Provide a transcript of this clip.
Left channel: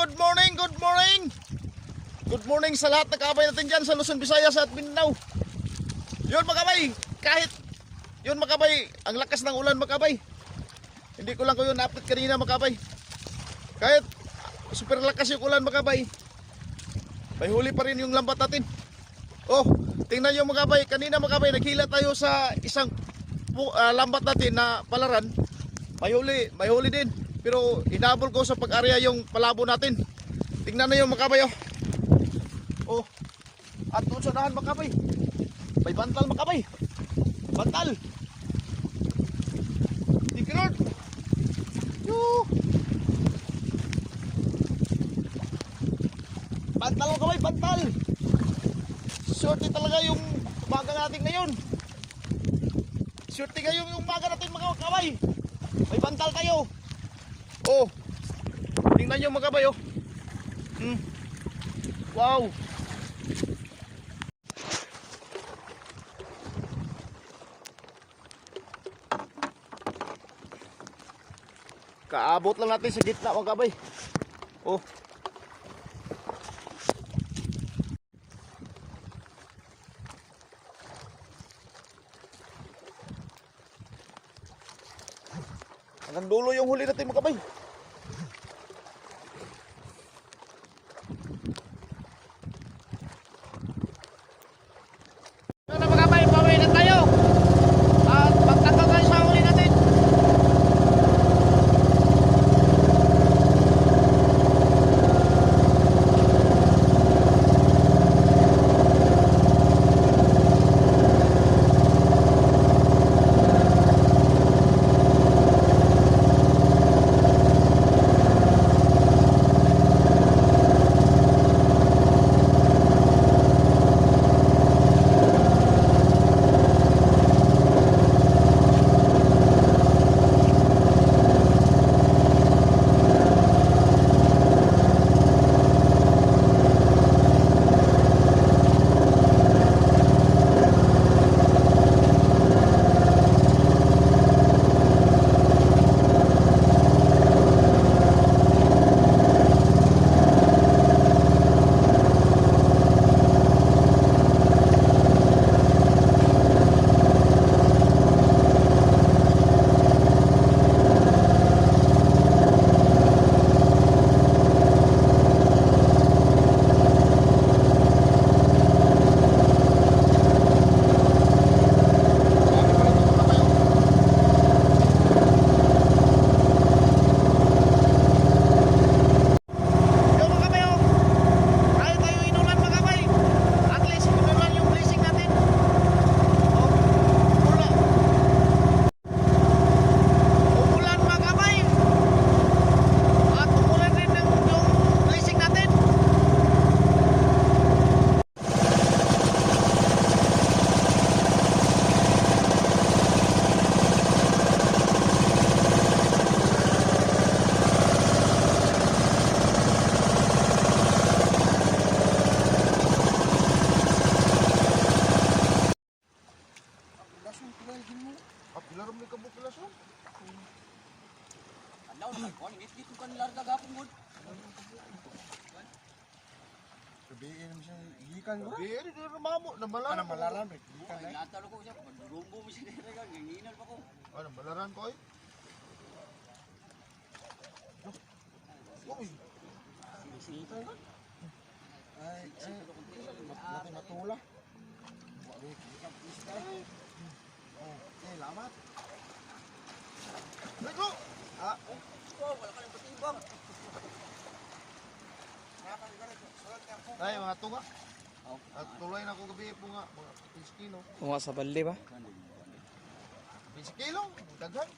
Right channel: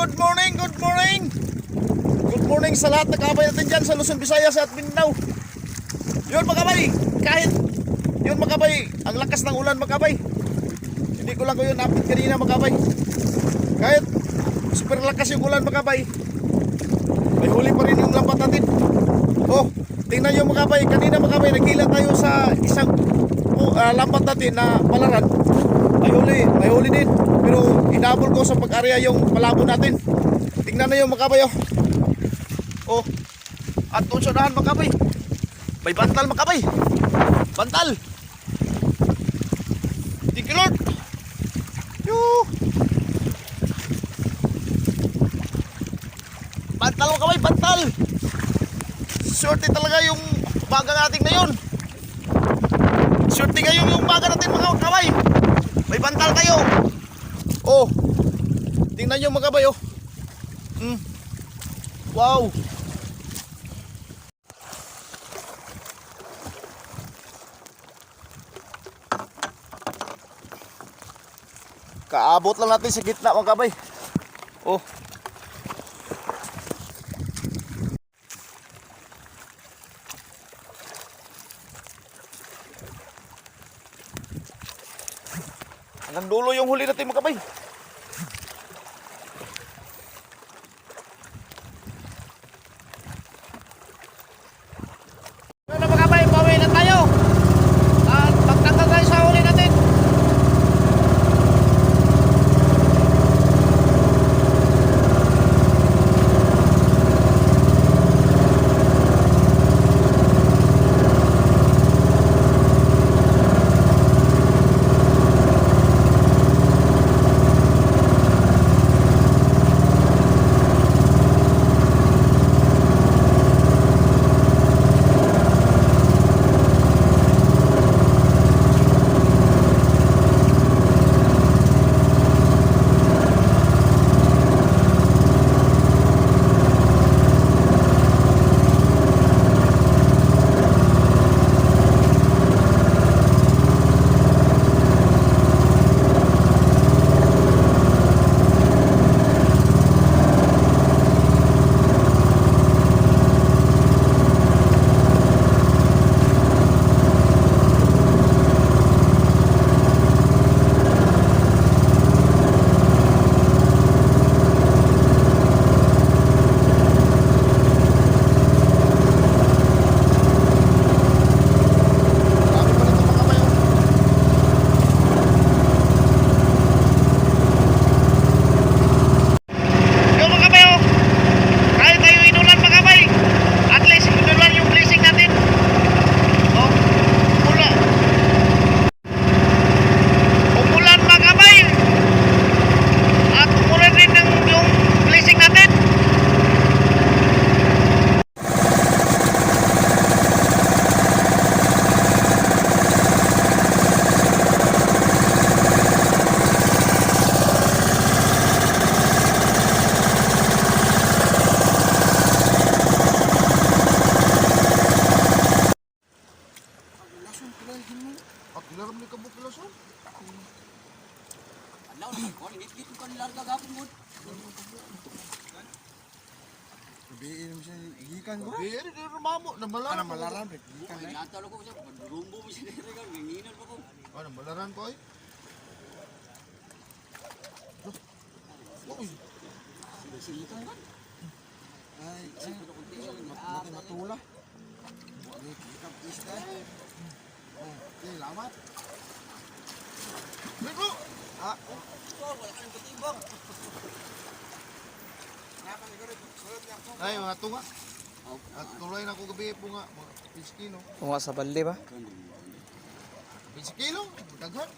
good morning, good morning. Good morning sa lahat ng kabay natin dyan sa Luzon, Visayas at Mindanao. Yun mga kabay, kahit yun mga ang lakas ng ulan mga. Hindi ko lang ko yun update kanina mga kabay. Kahit super lakas yung ulan mga. May huli pa rin yung lambat natin. Oh, tingnan nyo mga kabay, kanina mga kabay, tayo sa isang uh, lambat natin na palaran. May huli, din. Pero inabol ko sa pag-area yung palabo natin. Tingnan na yung makabay oh. Oh. At dahan makabay. May bantal makabay. Bantal. Lord. Yoo. Bantal makabay, bantal. Swerte talaga yung baga natin ngayon. Swerte ngayon yung baga natin mga makabay. May bantal kayo. Oh. Tingnan nyo mga kabay oh. Mm. Wow. Kaabot lang natin sa gitna mga kabay. Oh. Hanggang dulo yung huli natin mga kabay. Kabuk lason. Alaw na ko, hindi dito kan larga gapon mo. Biin mo siya ikan ko. Eh, di rumamo na malaran. Ano malaran rek ikan Ay, ay. natalo ko sa rumbo mo si Nere ka, ganginan pa ko. Ano malaran ko eh? Uy, Sito yun. Ay, ay. Mati matula. Wali ikan isda. Oh, okay, lamat. dito. Ah, Oh, wala ka ng katibang. Ay, mga tunga. At tuloy na ako gabi po nga. Mga 10 kilo. Kung sa balde ba? 20 kilo. Daghan.